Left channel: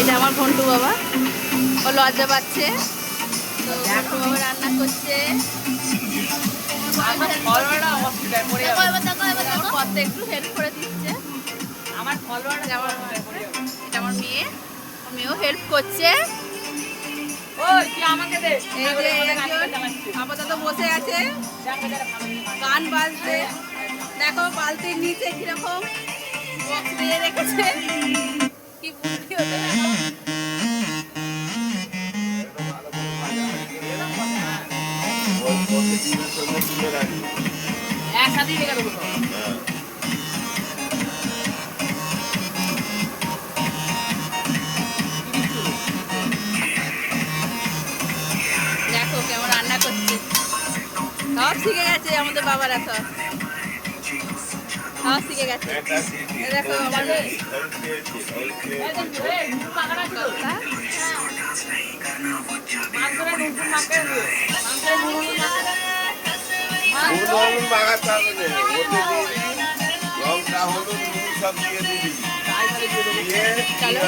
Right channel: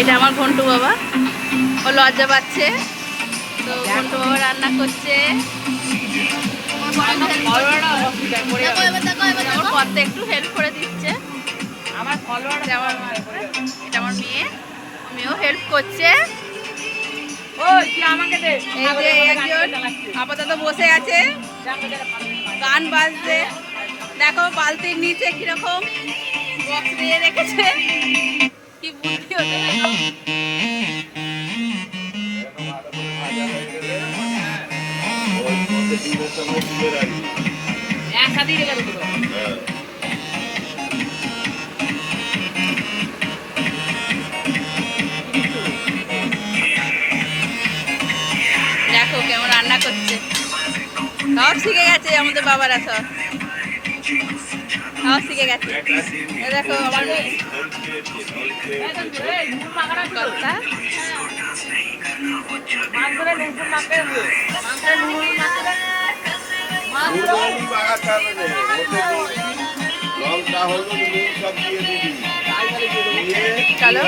এটা আমার ঘন্টু বাবা, ও লজ্জা পাচ্ছে তো ঘন্টু বাবা রান্না করছে। পথে একটু হেল্প করে দিচ্ছে। এটা আমার মেয়ে, মেয়েও হেল্প করছে। এই যে একজন আপাতত বসে আছে, গান বাজছে। দেখো বালতির নিচে কিরকম বক্স দিয়ে রেখেছে, কি বুদ্ধি হতে। দেখো কেমন রান্না করছে, সব শিখে গেছে আমাদের বাবারা, সব সব শিখে গেছে। দেখো আমার মেয়ে চলো।